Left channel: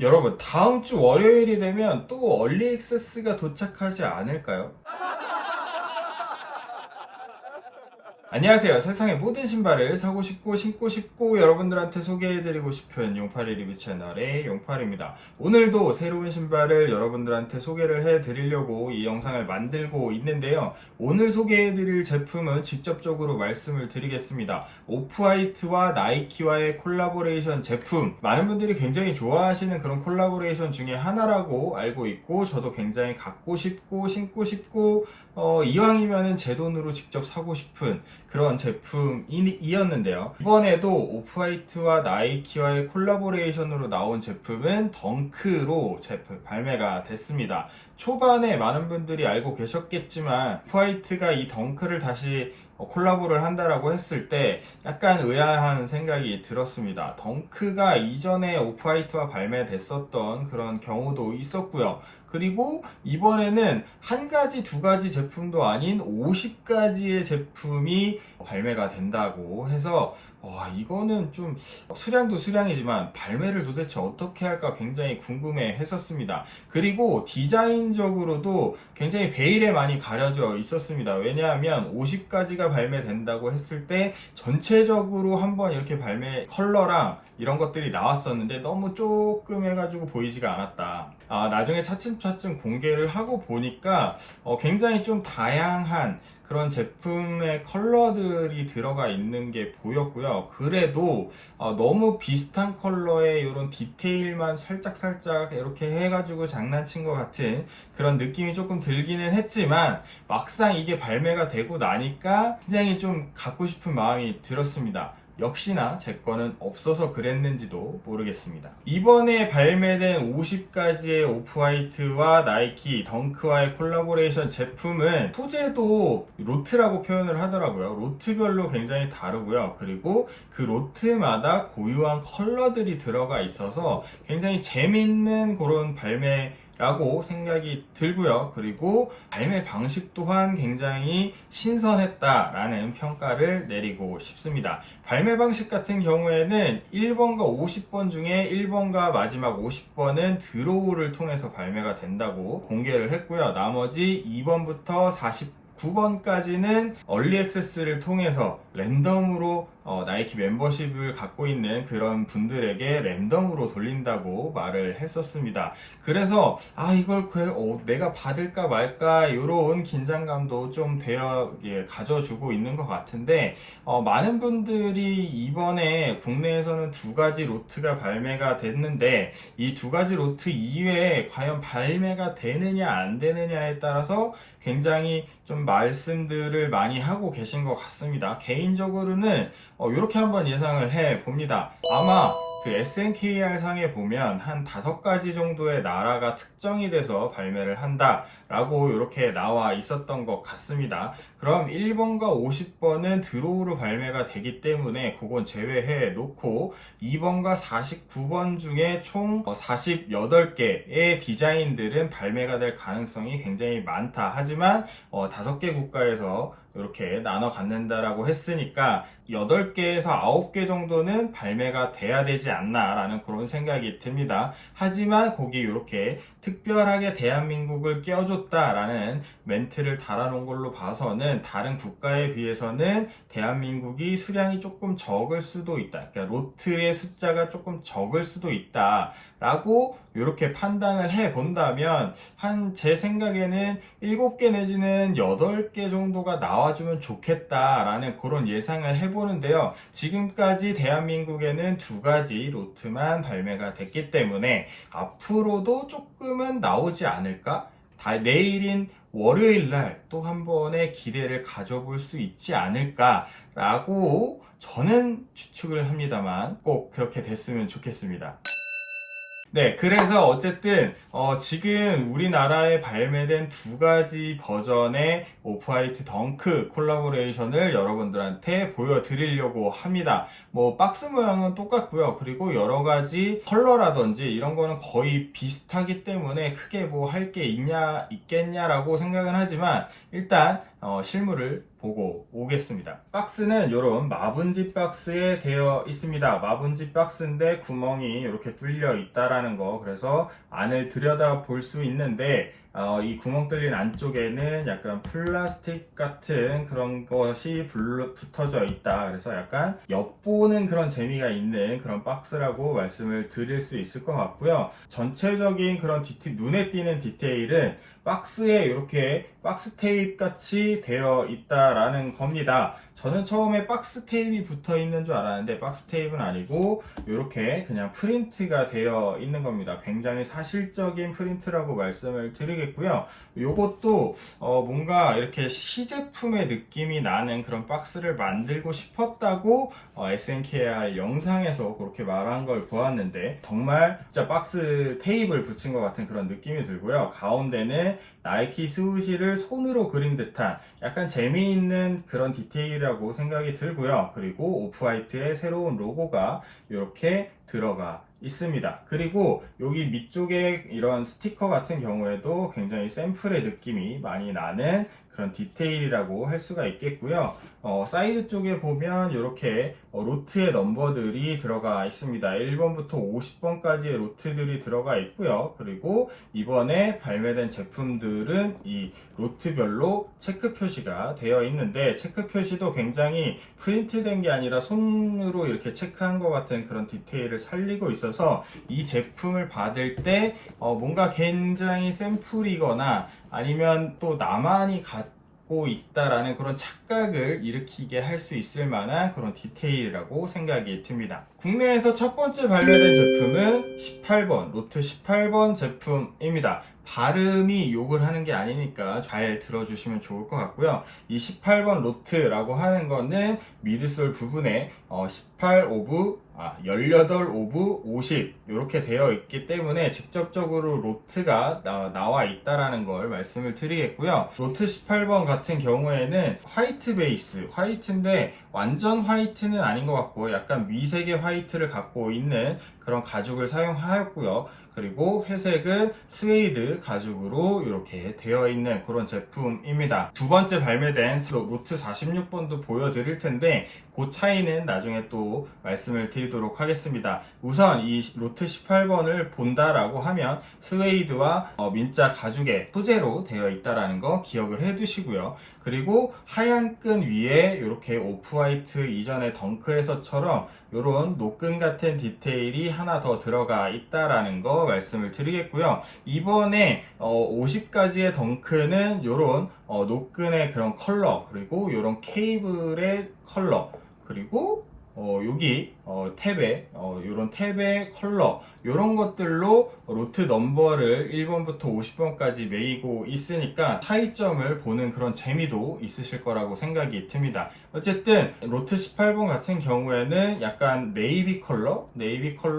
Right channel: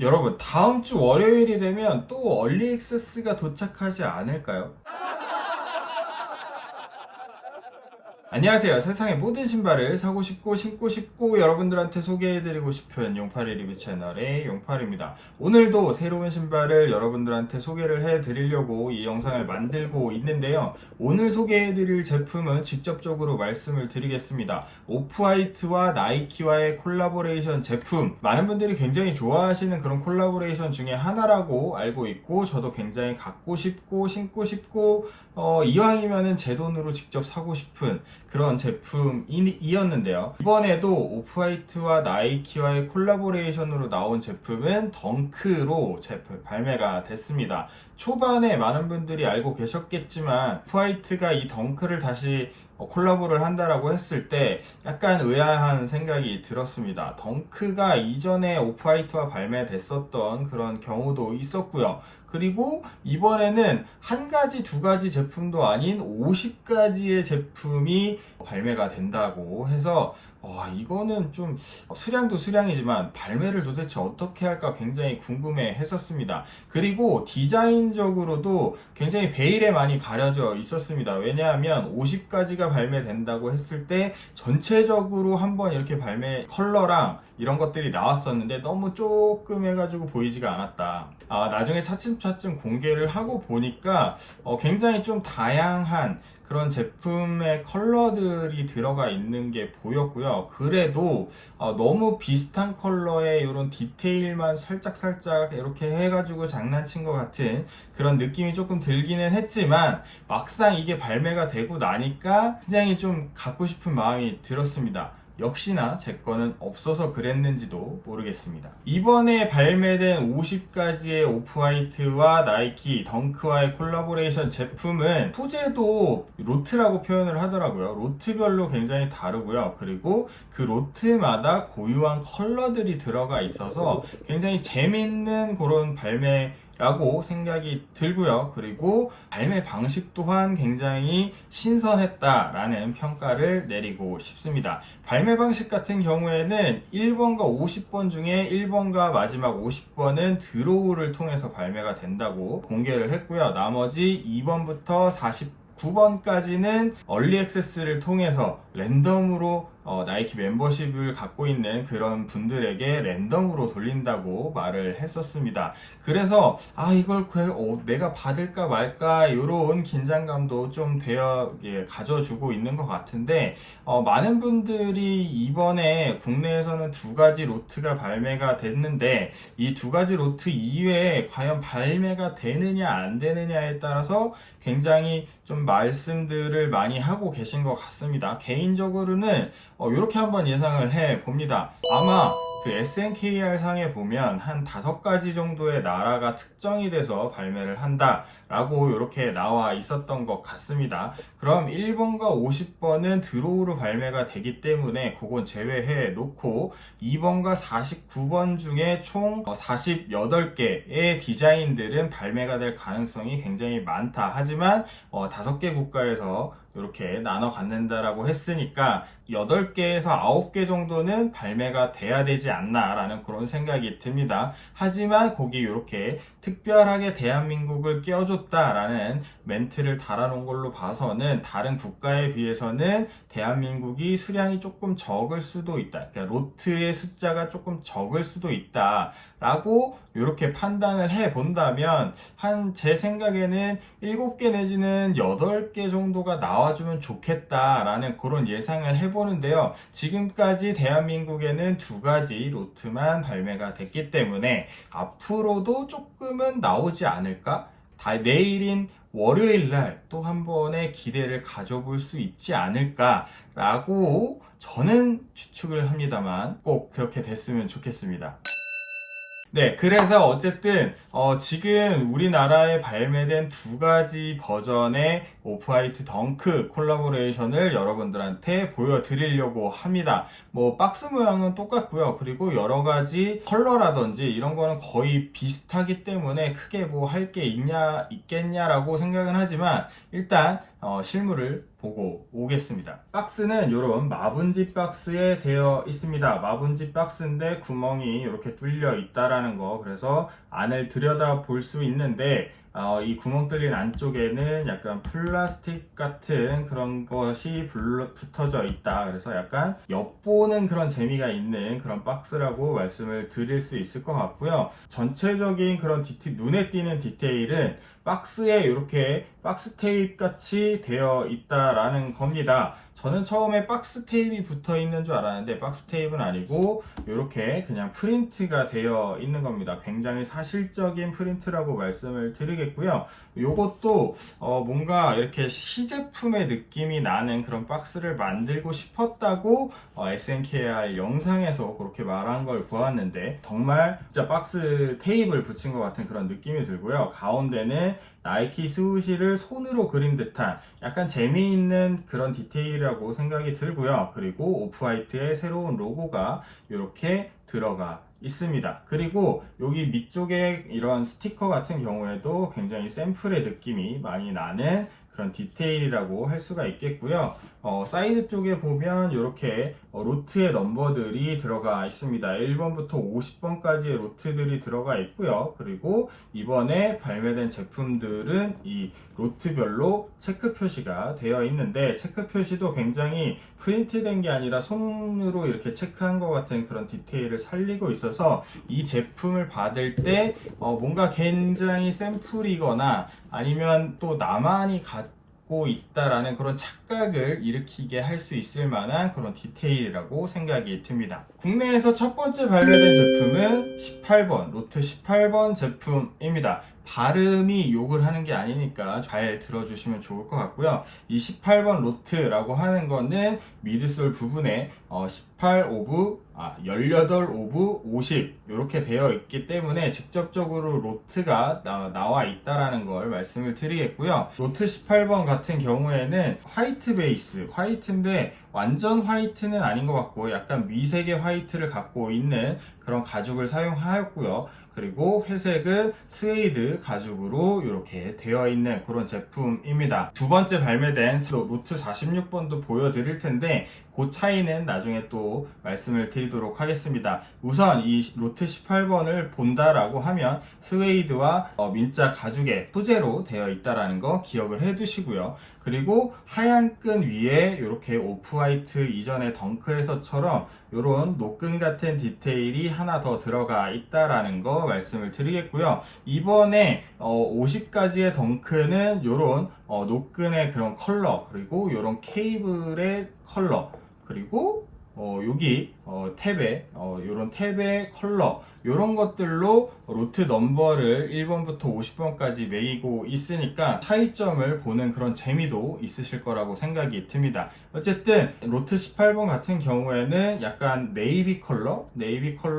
여러분, 다음 주 월요일이 되면 또 얼리 액세스가 도착하지 않을까요? 안녕하세요. 세상의 모든 신발을 사고 싶고 신고 싶고 여러분들한테 소개해드리고 싶은 용팔이 리뷰 채널의 용팔입니다. 오늘도 새로운 신발을 여러분들한테 소개를 해드리려고 이 영상을 만들고 있는데요. 오늘 소개해드릴 제품은 직접적으로 말씀을 드리겠습니다. 오프화이트와 나이키와의 콜라보레이션 제품, 많은 분들이 굉장히 좋아하시는 그런 콜라보레이션 중에 하나라고 알고 있고 저도 굉장히 갖고 싶고 신고 싶고 이왕이면은 제 돈으로 직접 사고 싶은 그런 제품이었는데요. 이번에도 오프화이트와 나이키와의 콜라보레이션으로 나온 제품은 덩크로 발매가 됐습니다. 초반에 많은 분들이 알고 계셨겠지만 오프화이트가 이 덩크를 다시 콜라보를 한다라고 했을 때 약간 의아한 생각이 들었습니다. 덩크가 이전에 오프화이트와 발매됐었던 그런 경우도 있었고요. 그리고 이번에는 한 가지, 두 가지 제품도 아닌 50가지의 제품이 발매가 된다고 해서 이거는 좀 수량도 수량이지만 발매를 도대체 어떻게 할까 굉장히 궁금해 했었습니다. 그리고 디자인적으로도 굉장히 베일에 많이 가려져 있었습니다. 왜냐하면 50가지가 발매된다고 했을 때 전체적으로 한번 이렇게 발매 컬러랑 이런 것들이 나왔었는데 너무 조금 해가지고 보이지가 않았다. 나중에 차츰차츰 공개를 하고 보니까 굉장히 좀 다양한 그런 제품의 컬러들이 들어가 있는 게 보였고요. 그래도 너무 비슷한 컬러의 이런 디테일만 살짝살짝 이렇게 해가지고 장난친 것 같은 그런 느낌이 조금 들기는 했지만 막상 이게 발매가 되고 나니까 굉장히 좀 갖고 싶은 마음이 들었습니다. 역시나 제 거는 없어서 그랬는지도 모르겠습니다. 이번에 발매된 50가지의 오프화이트와 나이키 덩크와의 콜라보레이션 제품은 소재도 로트라고 표현을 하더라고요. 로트별로 굉장히 다르고요. 그리고 그 로트마다 고유한 컬러들이 들어가 있어서 굉장히 재밌는 그런 발매 라고 생각이 들고요. 그리고 발매 방식 또한 굉장히 신선했다라는 평가를 내리고 싶습니다. 발매 방식 같은 경우에는 1번과 50번 중에 1번과 마지막 50번은 드로우를 통해서 발매가 된다고 공개를 했고요. 나머지 2번부터 49번까지는 얼리 액세스를 통해서 랜덤으로 나이키 멤버십을 갖고 있는 그런 분들에게 랜덤으로 돌린다고 말을 했었습니다. 그래서 이걸 내가 받을까 말까 이런 긴장감도 좀 가져주고 있는 것 같은데 많은 분들이 이번에 국내에서는 두 가지 로트가 발매가 됐는데 이 두 가지 로트 이외에 과연 발매가 되느냐 안 되느냐에 따라서 굉장히 좀 말씀들을 많이 하고 계신 것 같습니다. 개인적으로는 이렇게 한번 예상을 해 봅니다. 아마 그 SNKR 상에 보면 한 5가지 정도의 나라가 특정이 돼서 발매를 한다 라고 이렇게 나와 있었던 것 같습니다. 그럼 1번과 50번은 드로우로 발매가 되기 때문에 그건 제외해 놓고 2번과 49번 중에 총 48개의 디자인들은 발매가 될 가능성이 굉장히 많다. 하지만 5개 국가에서 이렇게 나눠 갖는다라고 했으니까 8개에서 9개 정도는 발매가 돼야 되지 않나 라는 그런 생각이 듭니다. 하지만 거기 이렇게 특별하게 대한민국을 껴줬다라는 멘트를 달아놓은 걸로 봐서는 다른 국가에 비해서는 대한민국이 수량이 조금 적을 수도 있다. 그러니까 로트의 숫자가 조금 적을 수도 있다 라고 이렇게 판단을 해 본다면 제 생각에는 7개 내지는 8개 정도가 나와주면 좋겠다라는 그런 예상을 해보는데요. 지금까지 대한민국에는 2가지 로트만 발매가 됐기 때문에 앞으로도 조금은 나오지 않을까? 내일인 월요일날 또 한 번의 기대를 가져볼 수 있지 않을까라고 저는 추측을 합니다만 꼭 그렇게 됐으면 좋겠습니다. 네, 그래서 어쨌든 지금 우리나라에 발매된 2가지 버전의 오프화이트 덩크 콜라보레이션을 여러분들한테 보여드리려고 합니다. 박스 모양은 똑같고요. 그리고 여러가지 컬러라든지 이런 거는 거의 비슷하기 때문에 크게 할 게 있겠냐라고 생각은 하지만 일단 실물을 보고 오겠습니다. 박스는 이런 마분지 박스에 되어 있습니다. 마분지 박스인데 구멍이 이렇게 뚫려 있다라는 거, 그래서 안을 들여다 볼 수 있는데 이 구멍 뚫린 안쪽에는 약간 플라스틱 같은 그런 것이 붙어져 있다. 그래서 약간 엿보는 그런 재미가 있는 그런 박스라고 말씀을 드릴 수 있을 것 같고요. 전체적인 그런 눈에 띄는 디테일은 박스에 이렇게 박스 테이프 같이 되어 있다라는 겁니다. 저는 처음에 박스 테이프가 붙어 있는 줄 알았는데 박스 테이프는 아니고 이렇게 그냥 프린트가 되어 있는 겁니다. 굉장히 사실적인 프린트라고 말씀을 드리겠고요. 이것도 뭔가 이렇게 시제품의 느낌이 나는 그런 박스를 만들고 싶었다고 SNKR 영상에서 그렇게 말한 걸 보았는데, 정말 진짜 박스 테이프를 붙인 것 같은 그런 느낌이 들고요. 가운데는 나이키 스우시를 손으로 그린 듯한 약간 재미있는 그런 디테일이라고 생각이 들고요. 그리고 오프화이트의 새로운 로고가 이렇게 들어가 있습니다. 그리고 여기 밑쪽에 이런 스티커 같은 경우에도 굉장히 샘플의 느낌이 많이 나는 그런 디테일이라고 할 수가 있겠고요. 사이드 쪽에 보면 이렇게 로트의 넘버들이 들어가 있습니다. 1번부터 50번까지의 로트들이 들어가 있고요. 그리고 이번에 발매된 제품들은 이 로트별로 체크 표시가 되어 있는데, 체크 표시도 굉장히 프린트된 게 아니라 손으로 이렇게 체크한 것 같은 그런 디테일을 살리고 있어서 이 제품을 받을 때 뭔가 굉장히 샘플이거나 아니면 또 나만이 갖고 있다라는 그런 착각을 일으키게 할 수 있을 만한 그런 디테일이라고 생각이 듭니다. 국내에서 첫 번째 발매된 제품은 18번, 로트 18번 제품입니다. 발음이 욕을 하는 게 아니니까 잘 들어주시면 좋을 것 같고요. 이 18번 로트라고 하는 거는 미드솔 부분에 18 오브 18 오브 50 이렇게 되어 있기 때문에 직접적으로 로트가 나와 있다라는 걸 말씀을 드리겠고요. 로트 18번 같은 경우에는 화이트 베이스, 화이트인데 완전 화이트는 아닌 것 같고 약간 미색의 화이트를 갖고 있는 그런 가죽을 사용하였고요. 그리고 회색은 스웨이드 가죽으로 이렇게 되어 있는 그런 제품입니다. 두 번째 발매된 로트 46번도 보여드릴 텐데 그 차이는 나중에 또 말씀을 드리도록 하겠습니다. 우선 이 로트 18번을 본다라고 하면 스웨이드와 민자 가죽의 소재로 되어 있다라는 거 기억을 해 두시고요. 그리고 하얀 끈 위에 이렇게 오프화이트 이전의 덩크에서처럼 이런 노끈 같은 디테일이 하나 더 들어가 있다라는 거 말씀을 드리겠고요. 이번에 50가지의 덩크는 이런 노끈의 그런 컬러, 그리고 이런 케이블의 컬러, 그리고 여기 탭에 이런 탭의 컬러, 이런 것들로 로트 넘버를 1번부터 50번까지 매기고 있으니까 차이점을 보는 그런 재미도 있으실 거라고 생각이 듭니다. 어쨌든 로트 18번 같은 경우에는 약간 네이비 컬러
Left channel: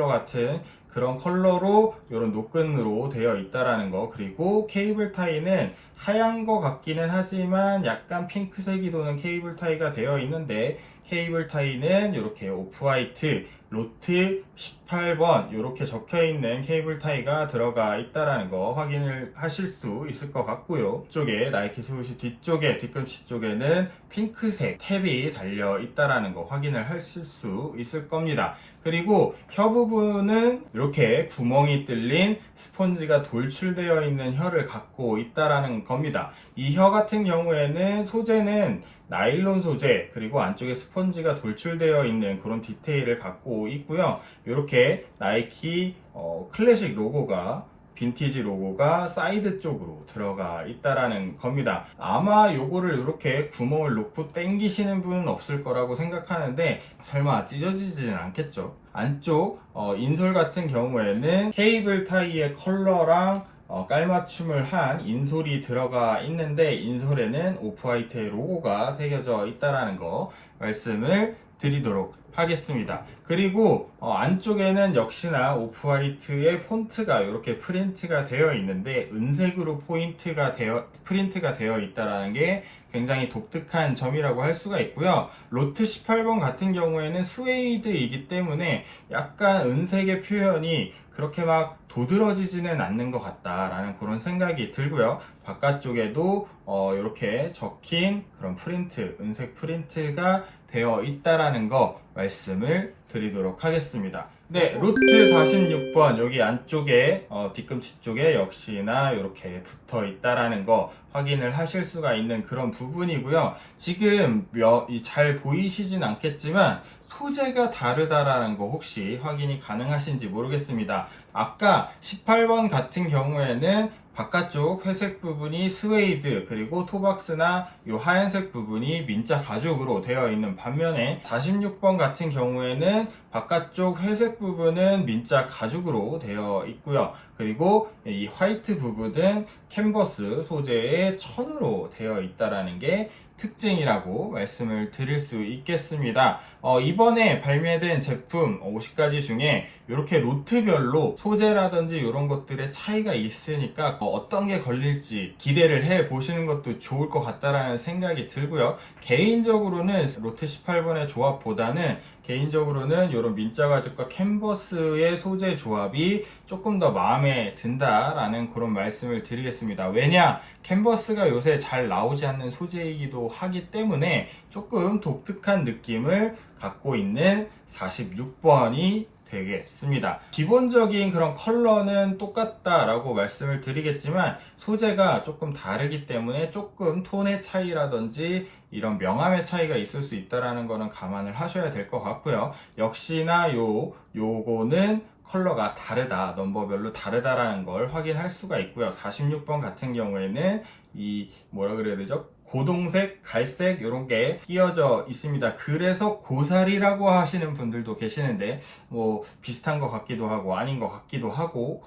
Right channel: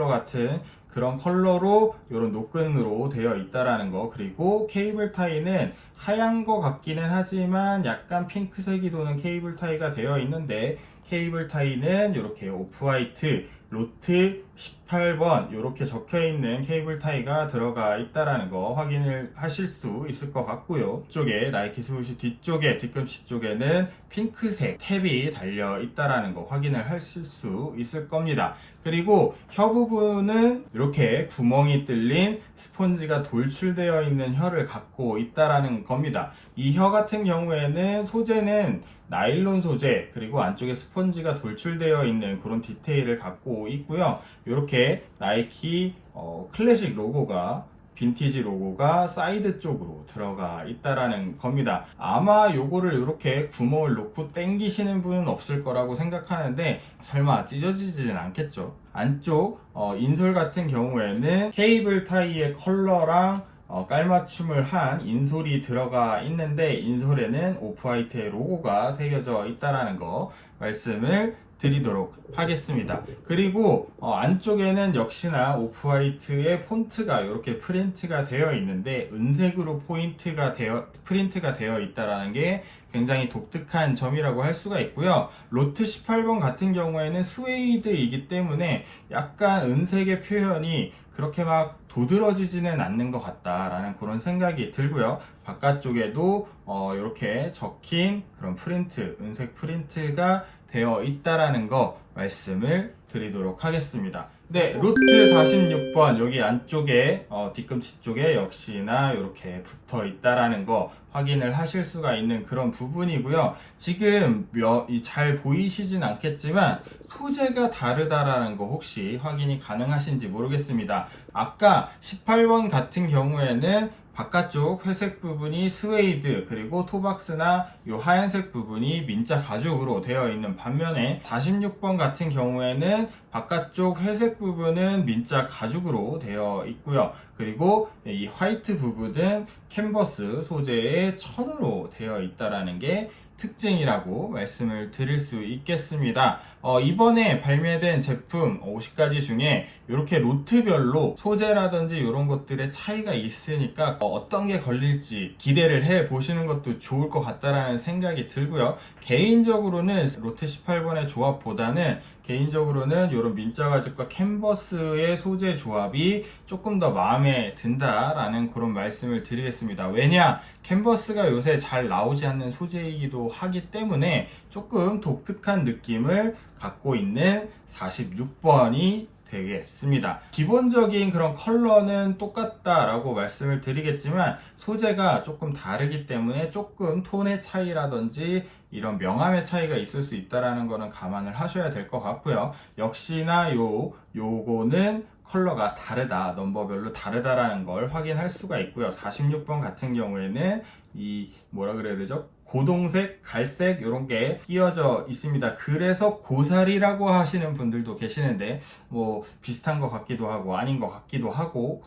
같은 그런 컬러로 이런 노끈으로 되어 있다라는 거, 그리고 케이블 타이는 하얀 거 같기는 하지만 약간 핑크색이 도는 케이블 타이가 되어 있는데, 케이블 타이는 이렇게 오프화이트 로트 18번 이렇게 적혀 있는 케이블 타이가 들어가 있다라는 거 확인을 하실 수 있을 것 같고요. 이쪽에 나이키 스우시 뒤쪽에 뒤꿈치 쪽에는 핑크색 탭이 달려 있다라는 거 확인을 하실 수 있을 겁니다. 그리고 혀 부분은 이렇게 구멍이 뚫린 스폰지가 돌출되어 있는 혀를 갖고 있다라는 겁니다. 이 혀 같은 경우에는 소재는 나일론 소재, 그리고 안쪽에 스펀지가 돌출되어 있는 그런 디테일을 갖고 있고요. 이렇게 나이키 클래식 로고가, 빈티지 로고가 사이드 쪽으로 들어가 있다라는 겁니다. 아마 요거를 이렇게 구멍을 놓고 당기시는 분은 없을 거라고 생각하는데 설마 찢어지지는 않겠죠. 안쪽 인솔 같은 경우에는 케이블 타이의 컬러랑 깔맞춤을 한 인솔이 들어가 있는데, 인솔에는 오프화이트의 로고가 새겨져 있다라는 거 말씀을 드리도록 하겠습니다. 그리고 안쪽에는 역시나 오프화이트의 폰트가 이렇게 프린트가 되어 있는데 은색으로 프린트가 되어 있다라는 게 굉장히 독특한 점이라고 할 수가 있고요. 로트 18번 같은 경우에는 스웨이드이기 때문에 약간 은색의 표현이 그렇게 막 도드러지지는 않는 것 같다라는 그런 생각이 들고요. 바깥쪽에도 이렇게 적힌 그런 프린트, 은색 프린트가 되어 있다라는 거 말씀을 드리도록 하겠습니다. 네, 로트 46번 여기 안쪽에 뒤꿈치 쪽에 역시나 이렇게 붙어 있다라는 거 확인을 하실 수가 있는 그런 부분이고요. 지금 잘 보이시진 않겠지만 소재가 다르다라는 거 혹시 확인이 가능하신지 모르겠습니다. 아까 18번 같은 경우에는 바깥쪽 회색 부분이 스웨이드, 그리고 토박스나 이 하얀색 부분이 민자 가죽으로 되어 있는 반면에 46번 같은 경우에는 바깥쪽 회색 부분은 민자 가죽으로 되어 있고요. 그리고 이 화이트 부분은 캔버스 소재의 천으로 되어 있다라는 게 특징이라고 말씀을 드릴 수 있겠습니다. 이번에 발매된 제품 50가지 중에 이렇게 로트별로 소재라든지 이런 것들의 차이가 있으니까 어떤 게 걸릴지 기대를 해 보시는 것도 좋을 것 같다라는 생각이 들고요. 개인적으로는 로트 18번의 조합보다는 개인적으로는 이런 민자 가죽과 캔버스의 소재 조합이 조금 더 마음에 든다라는 그런 말씀을 드리겠습니다. 왜냐? 캔버스가 요새 잘 나오지 않는 소재이기도 하기 때문에 조금 독특한 느낌을 갖고 있는 46번이 되겠습니다. 기본적인 그런 컬러는 똑같다라고 말씀을 드리겠지만 소재가 조금 다르기 때문에 조금 톤의 차이라든지 이런 명암의 차이가 있을 수 있다라는 거는 감안을 하셔야 될 것 같고요. 역시나 요거는 컬러가 다르다, 넘버별로 다르다라는 걸 확인할 수가 있고요. 46번 같은 경우에는 이 뭐라 그래야 되죠? 고동색, 갈색 이런 게 끼어져 있습니다. 그래서 고사리라고 하시는 분들도 계시는데 뭐 비슷한 것 같기도 하고 아닌 것 같기도 하고,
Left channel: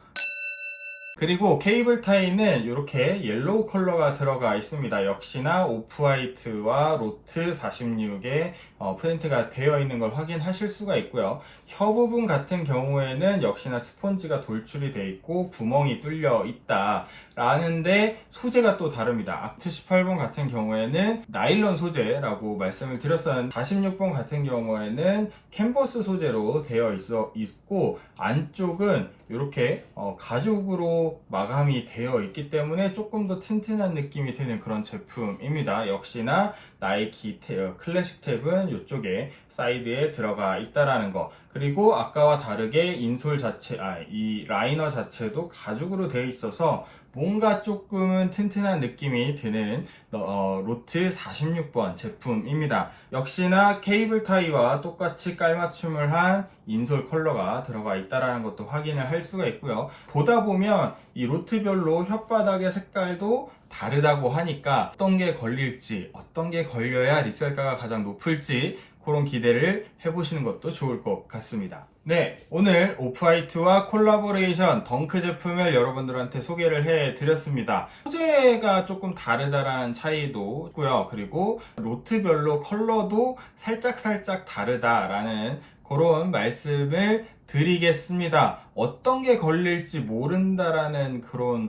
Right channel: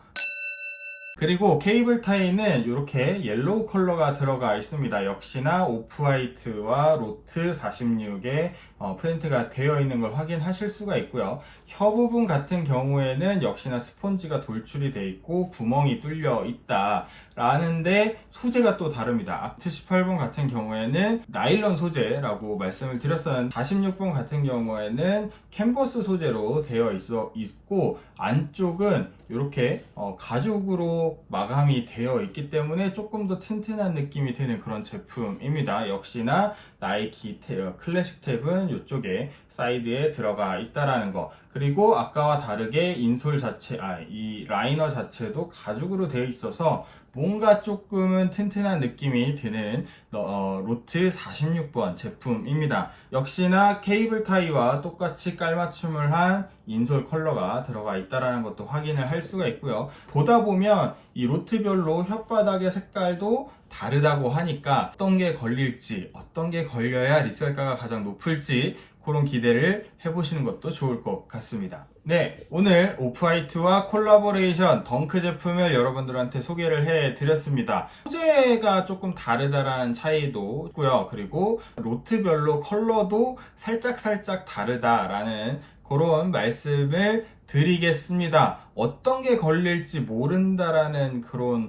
그리고 케이블 타이는 이렇게 옐로우 컬러가 들어가 있습니다. 역시나 오프화이트와 로트 46의 프린트가 되어 있는 걸 확인하실 수가 있고요. 혀 부분 같은 경우에는 역시나 스폰지가 돌출이 되어 있고 구멍이 뚫려 있다 라는데 소재가 또 다릅니다. 아트 18번 같은 경우에는 나일론 소재라고 말씀을 드렸었는데 46번 같은 경우에는 캔버스 소재로 되어 있고 안쪽은 이렇게 가죽으로 마감이 되어 있기 때문에 조금 더 튼튼한 느낌이 드는 그런 제품입니다. 역시나 나이키 클래식 탭은 이쪽에 사이드에 들어가 있다라는 거, 그리고 아까와 다르게 인솔 자체, 이 라이너 자체도 가죽으로 되어 있어서 뭔가 조금은 튼튼한 느낌이 드는 로트 46번 제품입니다. 역시나 케이블 타이와 똑같이 깔맞춤을 한 인솔 컬러가 들어가 있다는 것도 확인을 할 수가 있고요. 보다 보면 이 로트별로 혓바닥의 색깔도 다르다고 하니까 어떤 게 걸릴지, 어떤 게 걸려야 리셀가가 가장 높을지 그런 기대를 해보시는 것도 좋을 것 같습니다. 네, 오늘 오프화이트와 콜라보레이션 덩크 제품을 여러분들한테 소개를 해드렸습니다. 소재가 조금 다르다라는 차이도 있고요. 그리고 로트별로 컬러도 살짝 다르다라는 그런 말씀을 드리겠습니다. 어떤 게 걸릴지 모른다라는 그런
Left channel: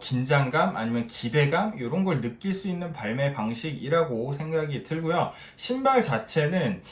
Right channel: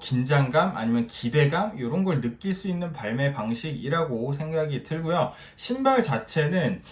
긴장감 아니면 기대감 이런 걸 느낄 수 있는 발매 방식이라고 생각이 들고요. 신발 자체는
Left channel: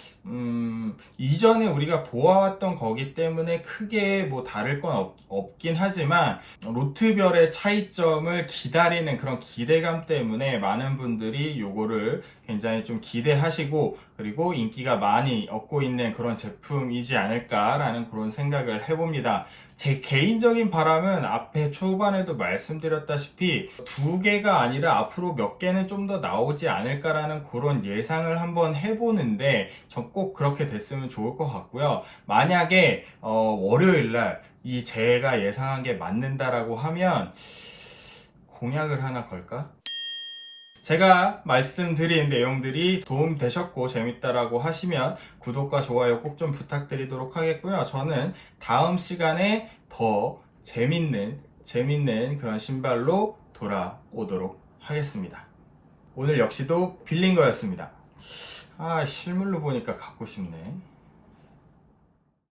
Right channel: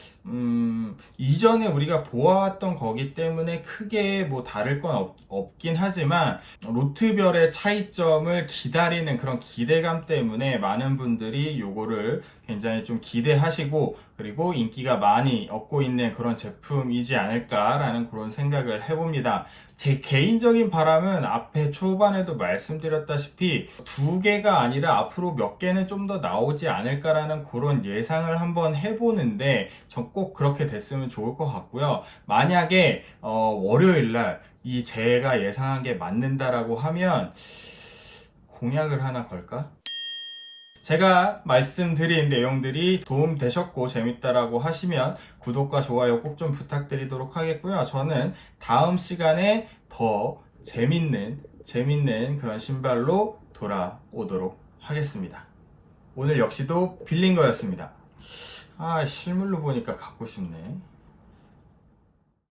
이전에 우리가 보아왔던 거기 때문에 크게 뭐 다를 건 없긴 하지만 로트별의 차이점을 기다리는 그런 기대감 때문에 많은 분들이 요거를 굉장히 좀 기대하시고 그리고 인기가 많이 얻고 있는 그런 제품이지 않을까라는 그런 생각을 해봅니다. 제 개인적인 바람은 앞에 초반에도 말씀드렸다시피 2개가 아니라 앞으로 몇 개는 좀 더 나오지 않을까라는 그런 예상을 한번 해보는데 전 꼭 그렇게 됐으면 좋을 것 같고요. 만약에 월요일날 이 제가 예상한 게 맞는다라고 하면 공약을 하나 걸까? 제가 말씀드린 내용들이 도움되셨고 재밌다라고 하시면 구독과 좋아요 꼭 좀 부탁드리도록 하겠고요. 저는 다음 시간에 더 재밌는 그런 신발로 돌아오도록 하겠습니다. 오늘 역시도 빌린 거였습니다. 실물로 보니까 갖고 싶네.